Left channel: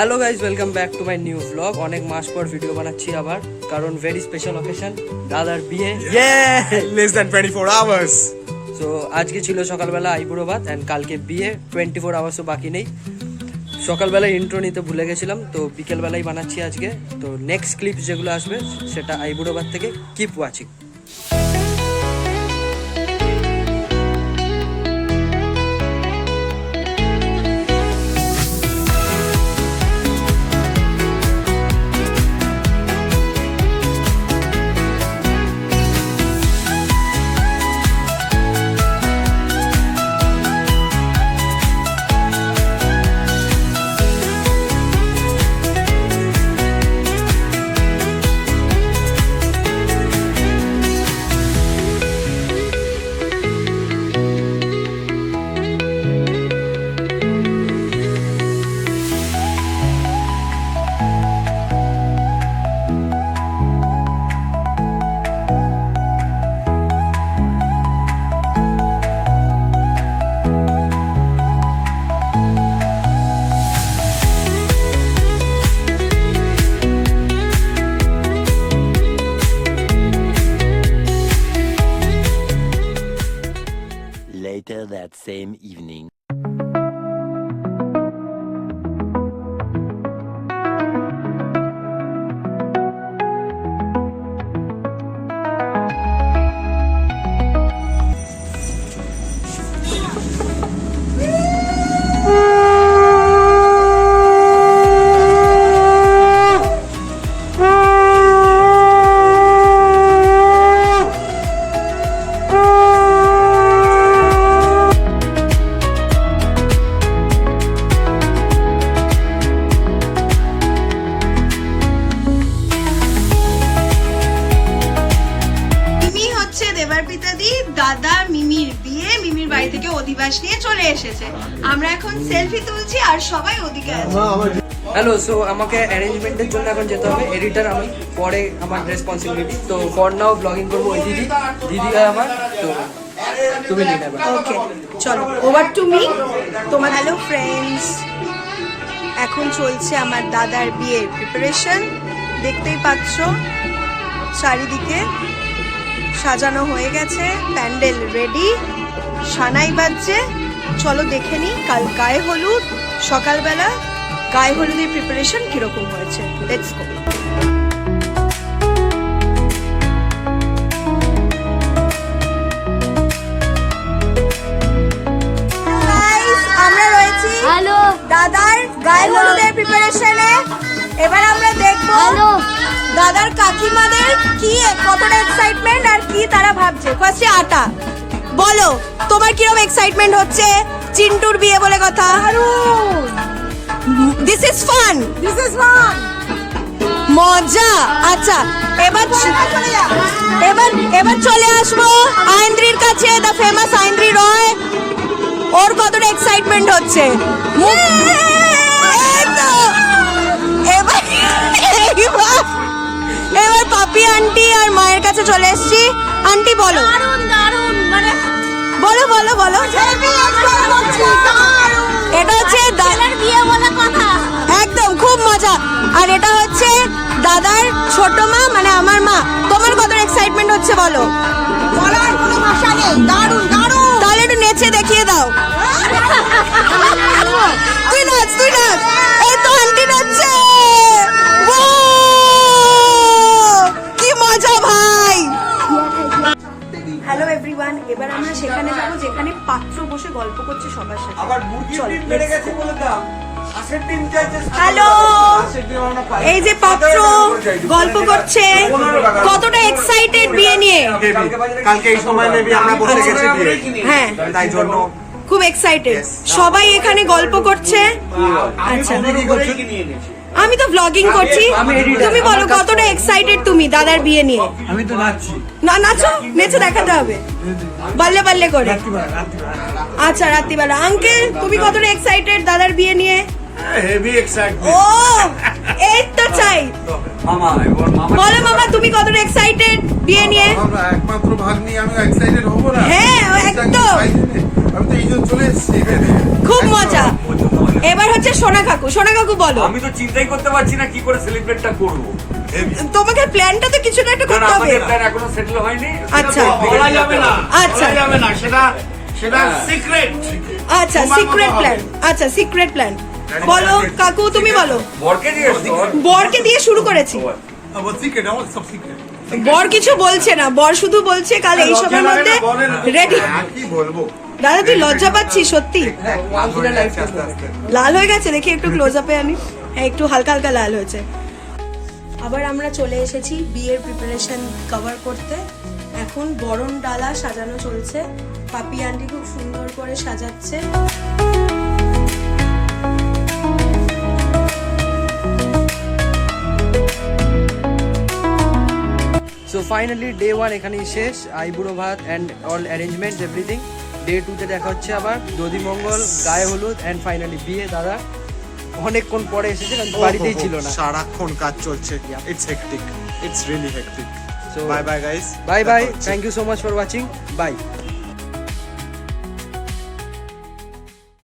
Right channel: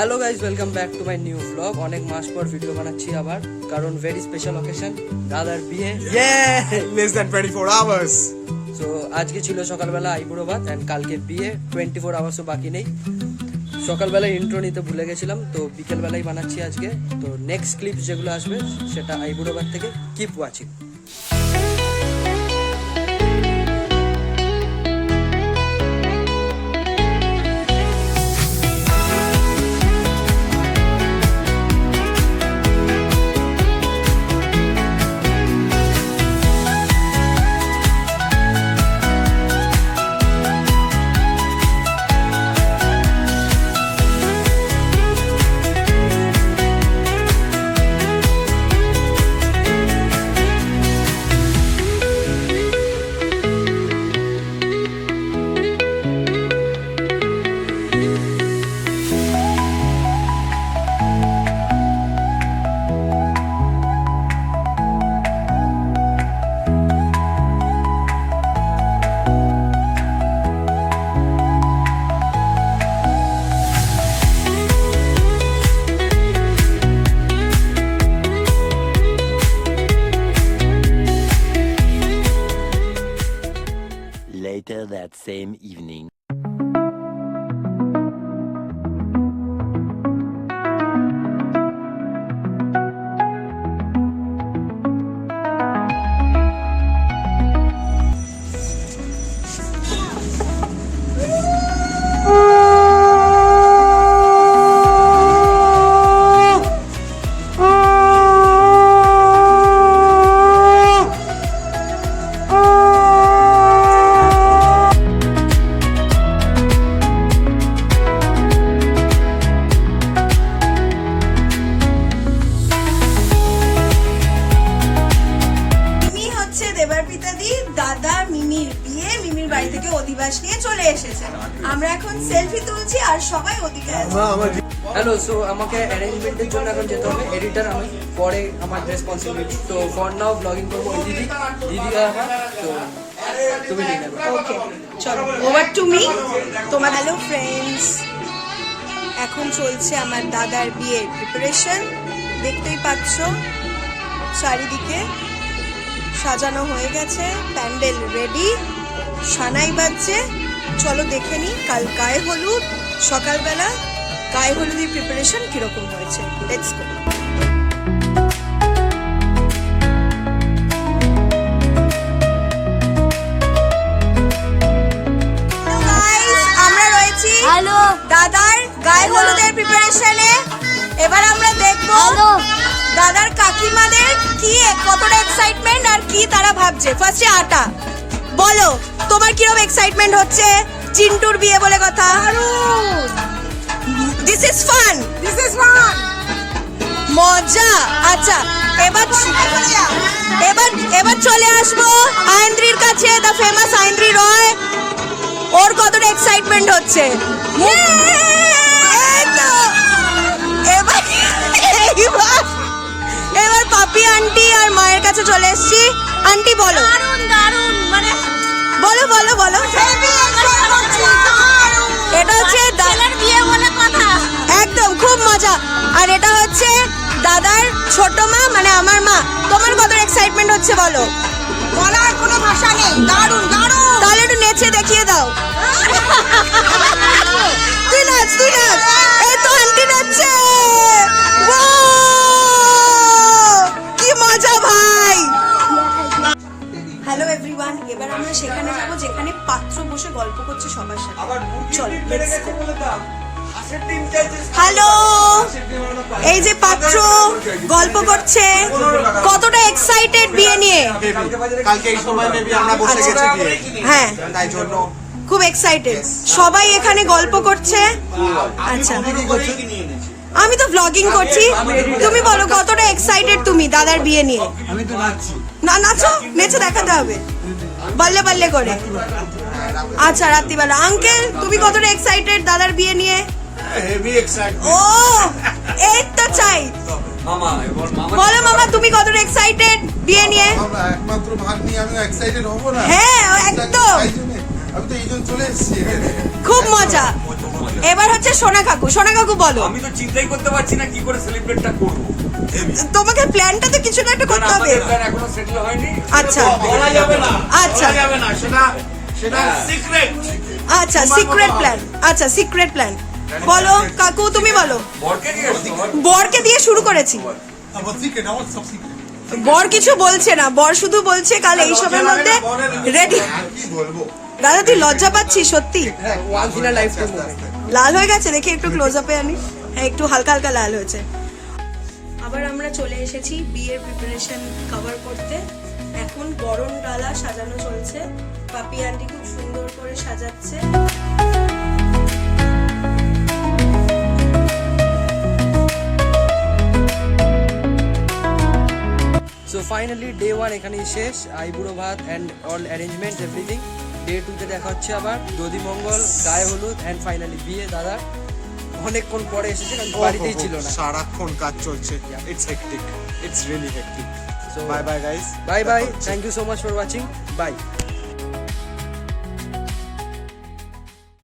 Hello guys, welcome back to my new blog. অনেক মাস পর video বানাচ্ছি আবার, কারণ ভেরি স্পেশাল অকেশন, দাদার বিয়ে। Less than 24 hours. সো আজকে ছিল সকালবেলা আইবুড়ো ভাত অ্যান্ড কালকে বিয়ে। 24 আওয়ার্সও বাকি নেই। সকালবেলায় ইন্ট্রো নিতে ভুলে গেছিলাম, তো বিকেলবেলায় বানাচ্ছি আজকে। তো নেক্সট ক্লিপস যেগুলো আসবে সেটা আইবুড়ো ভাত থেকে। Keep watching. Later that same evening. দাদা মিমির বিয়ে, মিমির বাড়ি থেকে অধিবাস নিয়ে চলে এসেছে। আমরা এখন সেলফি তুলছি আর সবাই ওদিকে আছে। হ্যালো, সো আমাকে অ্যারেঞ্জমেন্টের জন্য এখন যেতে হবে। এডিটার আমি, পরে আমার রেসপন্সিবিলিটি। তো ফর নাও ব্লগিং করবো ওই দিদি হয় আমার। তো তুমি নিয়ে নেবে। ওকে, চলো ওভার টু মি। তোমার হ্যালো ফ্রেন্ডস, এখন চলছে আমার দাদার বিয়ের প্রিপারেশন। দেখতেই পাচ্ছ চারিদিকে সাজানো হয়ে গেছে, প্যান্ডেল রেডি, সানাই বাজছে। চলো দেখে নি কাল গায়ে হলুদ, সকালবেলা গায়ে হলুদের প্রিপারেশন কিরকম হয়েছে। Let's go. আমরা রয়েছি দাদার গায়ে হলুদের প্রিপারেশনে। এবার আমরা দেখবো দাদার কাকিমাদের কি কতটা এক্সাইটমেন্ট আর কি তারা ভাবছে। ফার্স্টে আতা বলো, তোমার কিরকম এক্সাইটমেন্ট হচ্ছে? চিন্টুর বিয়ে বলে কথা। দিস ইজ ফান, মজা। আচ্ছা, এবার চলে আসবো আইন্দ্রির কাছে, দ্য ফেমাস আইন্দ্রি রয়। ওর কতটা এক্সাইটমেন্ট হচ্ছে। এই তো এবার পাপি আন্টি আর মায়ের কাছে চলে এসেছি। আন্টি বলো, মানে বলো বলো বলো। এটা হচ্ছে দাদার বিয়ে বলে কথা, একদম খুব মজা। আর এটা হচ্ছে দাদার ছোট মা, মানে আমার মা। তোমার কত এক্সাইটমেন্ট হচ্ছে বলো? বলার কোনো ভাষা নেই। দারুণ দারুণ। তাহলে একটু নেচে দেখিয়ে দাও। তুই নাচ। এই তো আন্টি নাচছে। কি মজা ভাই। হ্যালো এভরিওয়ান, এবার আমরা সেখানে যাব যেখানে পাত্র বসে গল্প করছে সবার সাথে। চলো হ্যালো, এই যে পাত্র গল্প করছে, কতটা এক্সাইটেড বিয়ে নিয়ে। কালকে এই সময় মেবি আমরা বসে গেছি বিয়ে। হ্যাঁ, তাই জন্য খুব এক্সাইটেড সবাই এখানে গল্প করছে। আচ্ছা, আমি তো ব্লগিং করছি। তুমি বলো কতটা এক্সাইটেড তুমি দাদার বিয়ে নিয়ে? আমি তো নাচছি। না নাচো, নেচে দেখাতে হবে বাল্লে বাল্লে করে। আচ্ছা, রাত্রিবেলা। আঙ্কেল তুমি কতটা এক্সাইটেড দাদার বিয়ে নিয়ে? Heavy excited. ও এই তো চাই। বলো মামা, তুমি কতটা এক্সাইটেড বিয়ে নিয়ে? একমাত্র ভাগ নিয়ে আমি এক্সাইটেড হব না? হ্যাঁ একদম, আমি তো এই জন্য চলে এসেছি। খুব মজা। এবার হচ্ছে সোনা কাকু বলো। আমি তো চিন্তাই করতে পারছি না কি করে সেলিব্রেটটা করব। তোমাকে প্ল্যানটা তো কিছু না একটা করতে হবে। আমাদের প্ল্যান এখনো সেটেল হয়নি। আচ্ছা বলা যাবে না, আচ্ছা বলা যাবে না, সেটা সিক্রেট। আচ্ছা সিক্রেট প্ল্যান, আচ্ছা সিক্রেট প্ল্যান বলো কাকু, তুমি বলো। বরকে দিয়ে বরকে দিয়ে শুরু করেছি, वो सीक्रेट है, वो सब सीक्रेट। বর কিছু বলছে না, বর শুধু বলছে কাল এই সবের মধ্যে রেডি। কি বলবো? দাদা তুই লজ্জা পাচ্ছিস সত্যি? আস্তে আস্তে। লাল হয়ে গেছে, দেখি একটু ক্লোজ আপে আনি। হ্যাঁ একটু হালকা হালকা লাল হয়েছে। আবার আমরা চলে এসেছি বিয়ের প্রিপারেশন কভার করতে। এখন গরম ডালা সাজানো চলছে, পাপি আন্টি খুব সুন্দর করে সাজাচ্ছে। সো ফাইনালি ডে 1 এখানেই শেষ, আইবুড়ো ভাত and all arrangements everything. Day 2-তে দেখা হচ্ছে আবার দধিমঙ্গল, গায়ে হলুদ অ্যান্ড ফাইনালি বিয়ে। দাদা অনেকক্ষণ পরে এসেছে কারণ বাড়িতেই ছিল না। সারাক্ষণ কাজ চলছে। It's hectic, it's really hectic. So bye bye guys, bye bye, thank you so much for watching, by.